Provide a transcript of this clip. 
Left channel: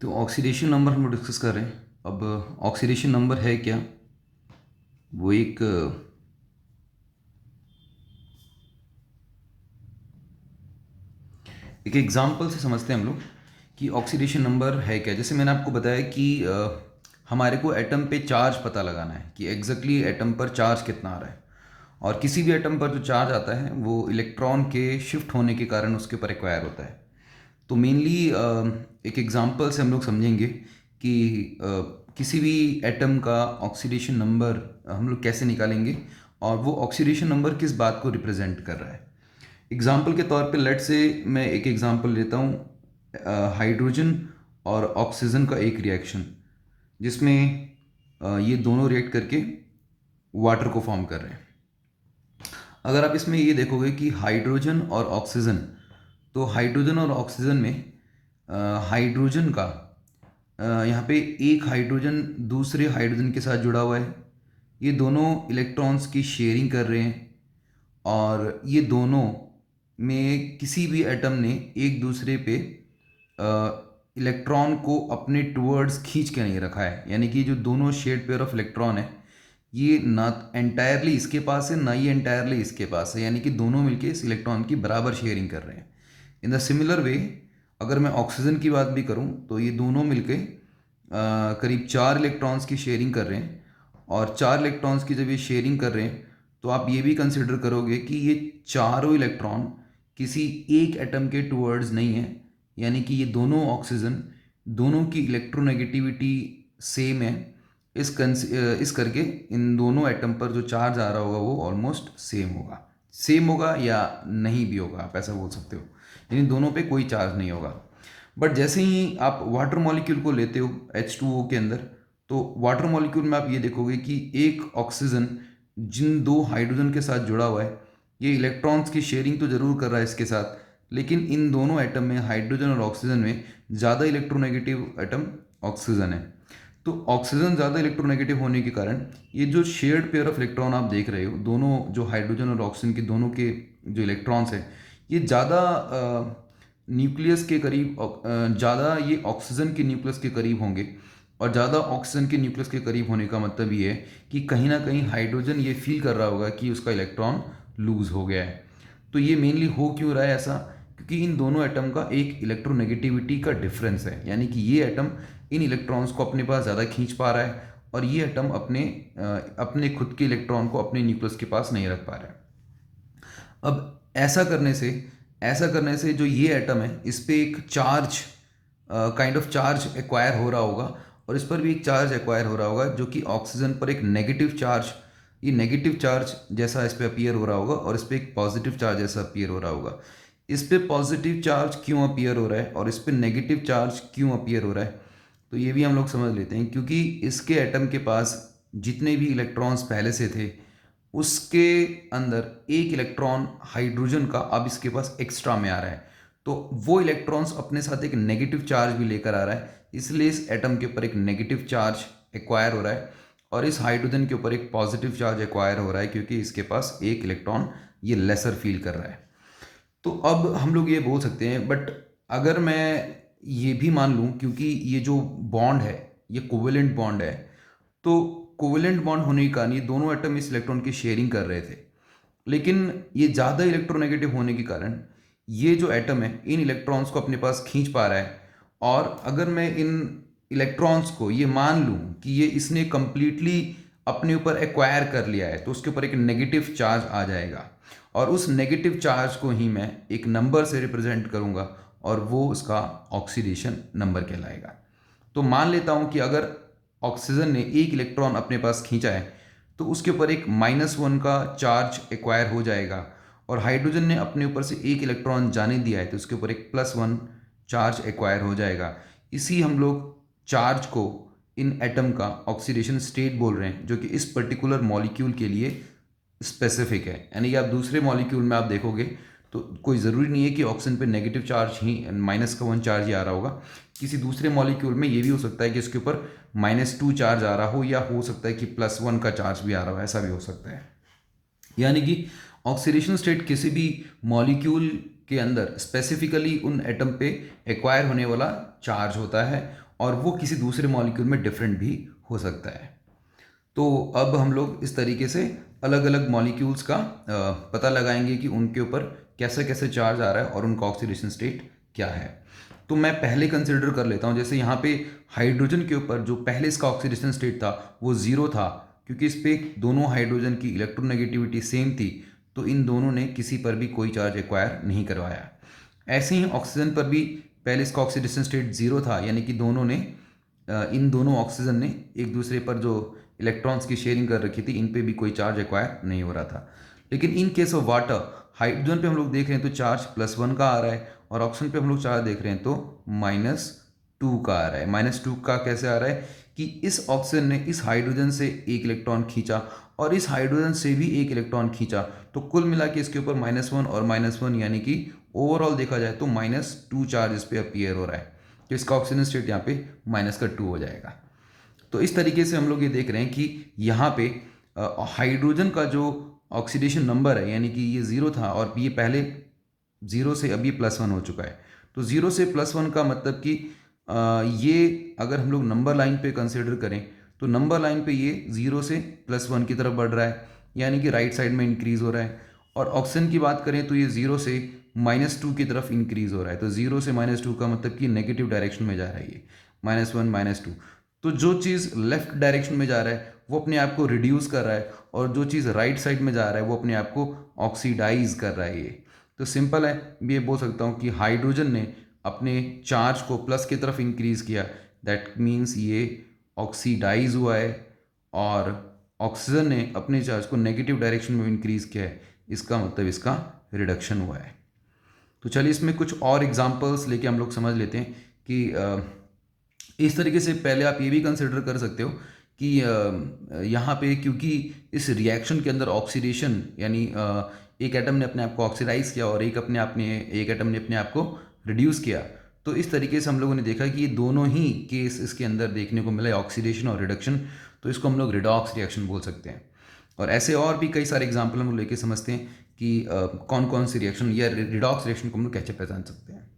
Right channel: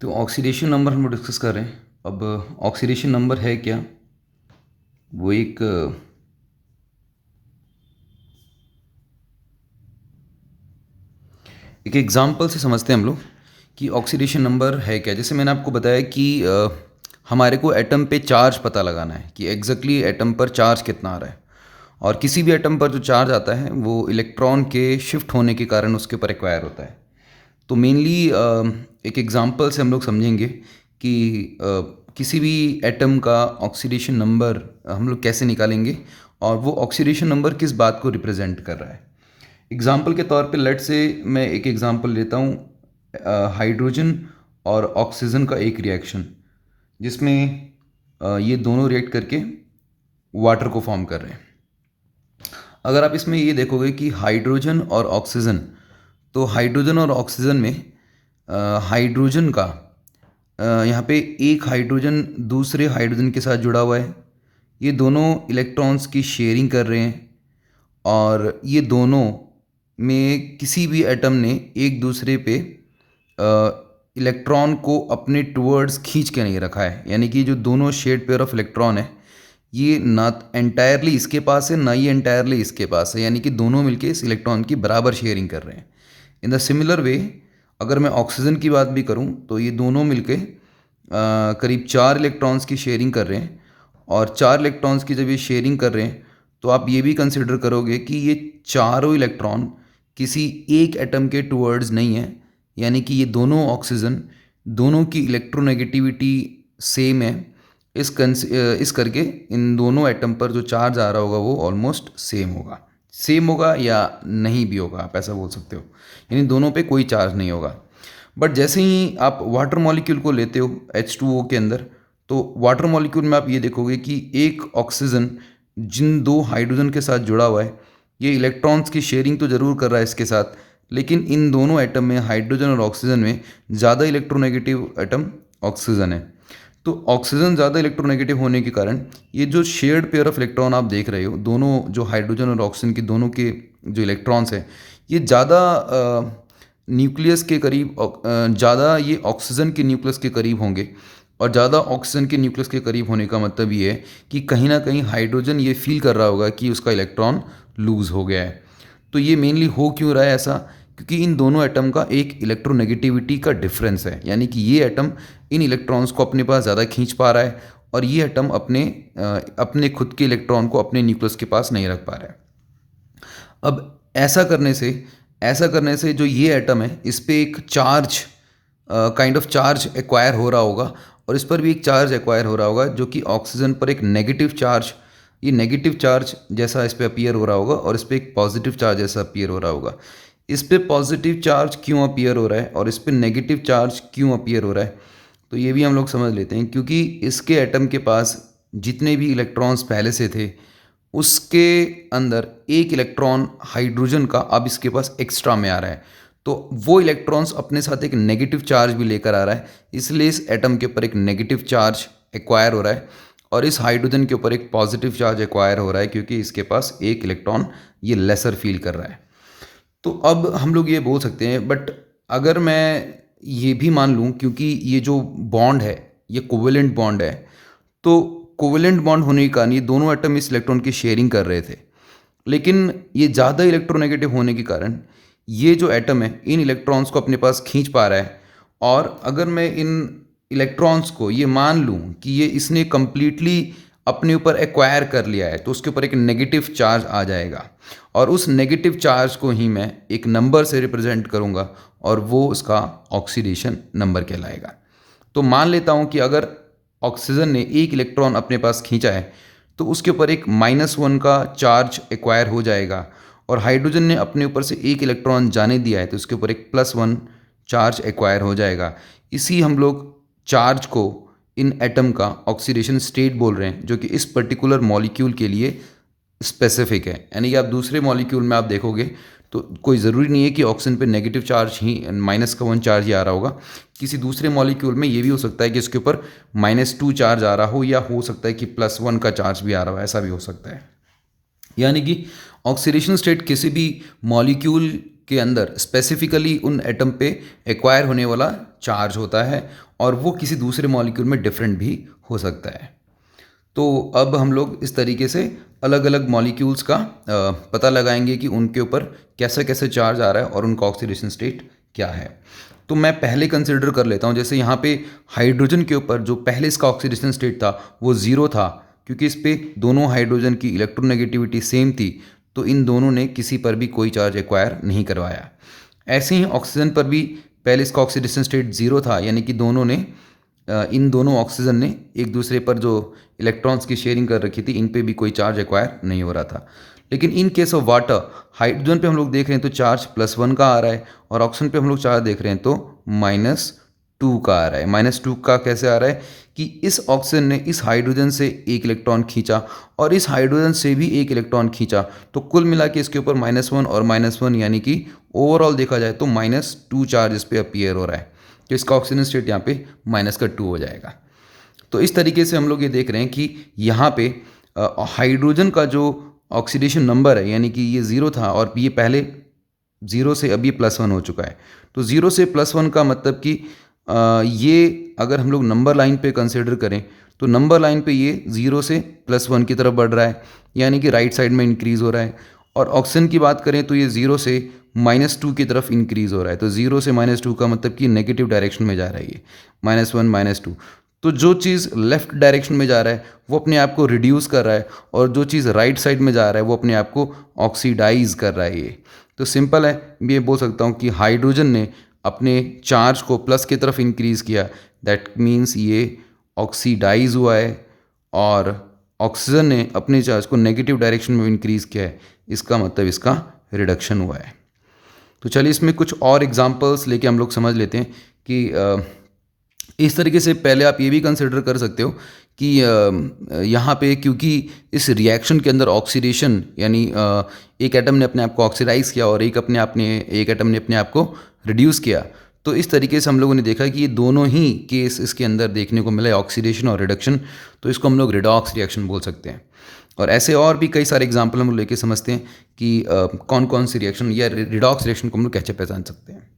तो oxidation number हम लोग डिस्कस कर रहे हैं। अब ऑक्सीडेशन नंबर है क्या? वो एक एग्जांपल से समझते हैं हम लोग कि ऑक्सीडेशन नंबर है क्या। जैसे मैंने आपको बताया कि हमारे को एटम पे चार्ज पता लगाना है कि एग्जैक्टली एटम पर चार्ज कितना आ रहा है। और किसी भी एटम पर जो चार्ज आता है वो इलेक्ट्रॉन के शिफ्ट होने के कारण उसके ऊपर एक्वायर होता है। तो मेनली एक एग्जांपल से हम लोग समझेंगे कि किसी भी एटम का ऑक्सीडेशन नंबर हम लोग कैसे निकालेंगे और वो ऑक्सीडेशन नंबर किस बात को रिप्रेजेंट कर रहा है। एग्जांपल के तौर पे लेट से मैं एक एग्जांपल लेता हूँ, हाइड्रोजन और ऑक्सीजन का एक रिएक्शन, जिसमें ये दोनों रिएक्ट करके वाटर को फॉर्म कर रहे हैं। अगर आप इसमें ये देखोगे कि हाइड्रोजन और ऑक्सीजन, तो हाइड्रोजन और ऑक्सीजन में हाइड्रोजन का यहाँ पे एक हाइड्रोजन दूसरे हाइड्रोजन के साथ जुड़ा हुआ है। ये दोनों इलेक्ट्रॉन्स की शेयरिंग कर रहे हैं और ये दोनों में किसी भी एटम ने एक दूसरे पे इलेक्ट्रॉन को अपने टुवर्ड्स खींच के नहीं रखा है। यानी कि जो दोनों शेड पेयर ऑफ इलेक्ट्रॉन है, ये ना एंटायरली इसके पास है ना ही एंटायरली इसके पास है, यानी कि दोनों मिलके इस इलेक्ट्रॉन की बराबर शेयरिंग कर रहे हैं। इन द सिमिलर वे अगर मैं ऑक्सीजन की बात भी करूं तो ये दोनों मिलके करीब 4 इलेक्ट्रॉन्स की शेयरिंग कर रहे हैं। और 4 इलेक्ट्रॉन्स की जब ये शेयरिंग कर रहे हैं तो आप ये भी कंसिडर करोगे कि ये चारों इलेक्ट्रॉन किसी एक एटम के टुवर्ड्स नहीं है। यानी कि ये दोनों ऑक्सीजन, दोनों की इलेक्ट्रोनेगेटिविटी सेम है। इस करके इन दोनों एटम पर जो चार्ज आ रहा होगा वो ऑलमोस्ट सेम होगा या नहीं भी होगा, आप ऐसा बोल सकते हो। यानी दोनों पे कोई चार्ज नहीं होगा। बट जैसे ही आप वाटर मॉलिक्यूल को लेते हो H2O के अंदर, तो वाटर मॉलिक्यूल में आप ये देखोगे कि एक ऑक्सीजन जिन दो हाइड्रोजन के साथ जुड़ा हुआ है, ये इलेक्ट्रॉन्स की शेयरिंग तो ज़रूर कर रहा है इसके साथ, लेकिन इन दोनों एटम में, हाइड्रोजन और ऑक्सीजन में, ज़्यादा इलेक्ट्रोनेगेटिव एटम ऑक्सीजन है। तो ऑक्सीजन ज़्यादा इलेक्ट्रोनेगेटिव होने के कारण ये जो शेयर्ड पेयर ऑफ इलेक्ट्रॉन आप देख रहे हो, दोनों जो हाइड्रोजन और ऑक्सीजन के दोनों के जो इलेक्ट्रॉन्स हैं, ये ज़्यादा न्यूक्लियस के करीब, ज़्यादा ये ऑक्सीजन के न्यूक्लियस के करीब होंगे। और ज़्यादा ऑक्सीजन के न्यूक्लियस के करीब होने का मतलब ये है कि कहीं ना कहीं हाइड्रोजन ये फील कर रहा होगा कि उसका इलेक्ट्रॉन लूज़ हो गया है। तो ये मेनली हो क्यों रहा है ऐसा? क्योंकि इन दोनों एटम का एक इलेक्ट्रोनेगेटिविटी का डिफरेंस है। यानी कि ये एटम इन इलेक्ट्रॉन्स को अपने पास ज़्यादा खींच पा रहा है और ये एटम अपने खुद के इलेक्ट्रॉन को अपने न्यूक्लियस के पास नहीं रख पा रहा है। अब ऐसा करने से जो ये एटम है इस पे एक charge, kind of charge acquire हो रहा होगा, और इस पर भी एक चार्ज एक्वायर हो रहा होगा जो कि ऑक्सीजन पर एक नेगेटिव चार्ज, ये नेगेटिव चार्ज जैसा इस पे अपीयर हो रहा होगा और इस पे एक पॉजिटिव चार्ज जैसा अपीयर हो रहा होगा। इस पे पॉजिटिव चार्ज क्यों अपीयर हो रहा है और इस पे नेगेटिव चार्ज क्यों अपीयर हो रहा है, तो ये भी हम लोग समझ लेते हैं। क्योंकि इसके एटम के पास जितने भी इलेक्ट्रॉन्स पहले से थे, उसके अंदर एक इलेक्ट्रॉन हाइड्रोजन का अब इसके पास एक्स्ट्रा में आ रहा है। तो वो इलेक्ट्रॉन्स अपने साथ एक नेगेटिव चार्ज भी लेकर आ रहा है, इसलिए इस एटम के ऊपर एक नेगेटिव चार्ज एक्वायर हो रहा है और इस हाइड्रोजन के ऊपर एक पॉजिटिव चार्ज एक्वायर हो रहा है, क्योंकि इसके पास एक इलेक्ट्रॉन ये लेसर फील कर रहा है। तो अब हम लोग ये बोल सकते हैं, बट अगर मैं ये भी मान लूँ, क्योंकि ये जो बॉन्ड है ये कोवेलेंट बॉन्ड है, तो कोवेलेंट बॉन्ड होने के कारण ये दोनों एटम इस इलेक्ट्रॉन की शेयरिंग कर रहे थे। लेकिन ये ज़्यादा इलेक्ट्रोनेगेटिव होने के कारण ये जो एटम है इन इलेक्ट्रॉन्स को अपने पास खींच पा रहा है। और अगर मैं इन इलेक्ट्रॉन्स को ये मान लूँ कि ये इसने कंप्लीटली अपने ऊपर एक्वायर कर लिया है, तो उसके ऊपर एक नेगेटिव चार्ज आ जाएगा और उस नेगेटिव चार्ज को ही मैं एक नंबर से रिप्रेजेंट करूँगा और वो उसका ऑक्सीडेशन नंबर कहलाएगा। तो मान लेता हूँ कि अगर ऑक्सीजन ने एक इलेक्ट्रॉन अपने पास खींचा है तो उसके ऊपर एक -1 का चार्ज एक्वायर हो जाएगा, और हाइड्रोजन ने अपने ऊपर से एक इलेक्ट्रॉन जाने दिया है तो उसके ऊपर एक +1 चार्ज एक्वायर हो जाएगा। इसी हम लोग चार्ज को इन एटम का ऑक्सीडेशन स्टेट बोल रहे हैं, जो कि इस पर्टिकुलर मॉलिक्यूल के लिए स्पेसिफिक है। यानी कि आप दूसरे मॉलिक्यूल में आप देखोगे तो कोई ज़रूरी नहीं है कि ऑक्सीजन पे नेगेटिव चार्ज ही -1 चार्ज ही आ रहा होगा। किसी दूसरे मॉलिक्यूल में ये भी हो सकता है कि इसके ऊपर -2 चार्ज आ रहा हो, या हो सकता है कि +1 का चार्ज भी आ रहा हो, ऐसा भी हो सकता है। यानी कि ऑक्सीडेशन स्टेट किसी भी मॉलिक्यूल के अंदर स्पेसिफिकली उन एटम पे एक्वायर होने वाला चार्ज होता है और वो किसी दूसरे मॉलिक्यूल में डिफरेंट भी हो सकता है। तो अब हम लोग इस तरीके से अलग अलग मॉलिक्यूल्स का पता लगाएंगे कि उनके ऊपर कैसे कैसे चार्ज आ रहा है और उनका ऑक्सीडेशन स्टेट क्या है। तो मैं पहले कंसिडर कर लेता हूँ, जैसे यहाँ पे हाइड्रोजन के ऊपर जो पहले इसका ऑक्सीडेशन स्टेट था वो ज़ीरो था, क्योंकि इस पे दोनों हाइड्रोजन की इलेक्ट्रोनेगेटिविटी सेम थी, तो इन दोनों ने किसी पर भी कोई चार्ज एक्वायर नहीं करवाया। ऐसे ही ऑक्सीजन पर भी पहले इसका ऑक्सीडेशन स्टेट ज़ीरो था, यानी कि दोनों ने इन दोनों ऑक्सीजन ने एक दूसरे पर जो इलेक्ट्रॉन्स की शेयरिंग कर रखी थी, इन पे भी कोई चार्ज एक्वायर नहीं हो रहा था। लेकिन in case of water, hydrogen पे हम लोग देख रहे हैं तो चार्ज +1 का आ रहा है और ऑक्सीजन पे हम लोग चार्ज देख रहे हैं तो -2 का आ रहा है। -2 का कैसे आ रहा है कि इस ऑक्सीजन ने इस हाइड्रोजन से एक इलेक्ट्रॉन खींचा और इस हाइड्रोजन से भी एक इलेक्ट्रॉन खींचा, तो कुल मिला के इसके ऊपर -1 और -1, यानी कि ओवरऑल देखा जाए तो -2 चार्ज इस पर अपीयर हो रहा है। तो इसका ऑक्सीजन स्टेट यहाँ पे -2 हो जाएगा। तो इस तरीके से हम लोग ये देख रहे हैं कि यहाँ पे हाइड्रोजन का जो ऑक्सीडेशन नंबर है, यानी कि ये ज़ीरो था और ये पहले ज़ीरो से अभी +1 हो चुका है। तो ज़ीरो से +1 का मतलब कि ये अगर हम लोग नंबर लाइन पे कंसिडर करें तो नंबर लाइन पे ये ज़ीरो से +1 की तरफ बढ़ रहा है, यानी कि राइट साइड में इंक्रीज़ हो रहा है। और ऑक्सीजन की बात करें तो ये ज़ीरो से -2 की तरफ इंक्रीज़ हो रहा है। तो ज़ीरो से -2 का मतलब कि नेगेटिव डायरेक्शन में जा रहा है ये, -1 -2। तो जो चीज़ लेफ़्ट डायरेक्शन में जा रहा है वो अपने आप को रिड्यूस कर रहा है और जो चीज़ राइट साइड में जा रहा है वो अपने आप को ऑक्सीडाइज कर रहा है ये। तो सिंपल है, मैं ये बोल सकता हूँ कि हाइड्रोजन ने अपने चार्ज को प्लस की तरफ इंक्रीज़ किया, दैट मीन्स ये ऑक्सीडाइज हुआ है, और ऑक्सीजन ने अपने चार्ज को नेगेटिव डायरेक्शन में इंक्रीज़ किया है, इसका मतलब इसका रिडक्शन हुआ है। तो चलिए इसमें कुछ और एग्जांपल्स लेके हम लोग समझ लेते हैं कि इस तरीके से पहले आप ये भी कंसिडर कर सकते हो कि यहाँ पे क्योंकि इस रिएक्शन के अंदर ऑक्सीडेशन, यानी एक एटम ने अपने आप को ऑक्सीडाइज किया और एक एटम ने अपने आप को रिड्यूस किया, तो इस तरीके से हम लोगों ने देखा कि ये दोनों ही केस इसके अंदर देखने को मिला, ऑक्सीडेशन और रिडक्शन। तो इसको हम लोग रिडॉक्स रिएक्शन बोल सकते हैं। और ऐसे और भी कई सारे एग्जाम्पल हम लोग लेके समझते हैं कि कौन कौन सी रिएक्शन या रिडॉक्स रिएक्शन को हम लोग कैसे पहचान सकते हैं।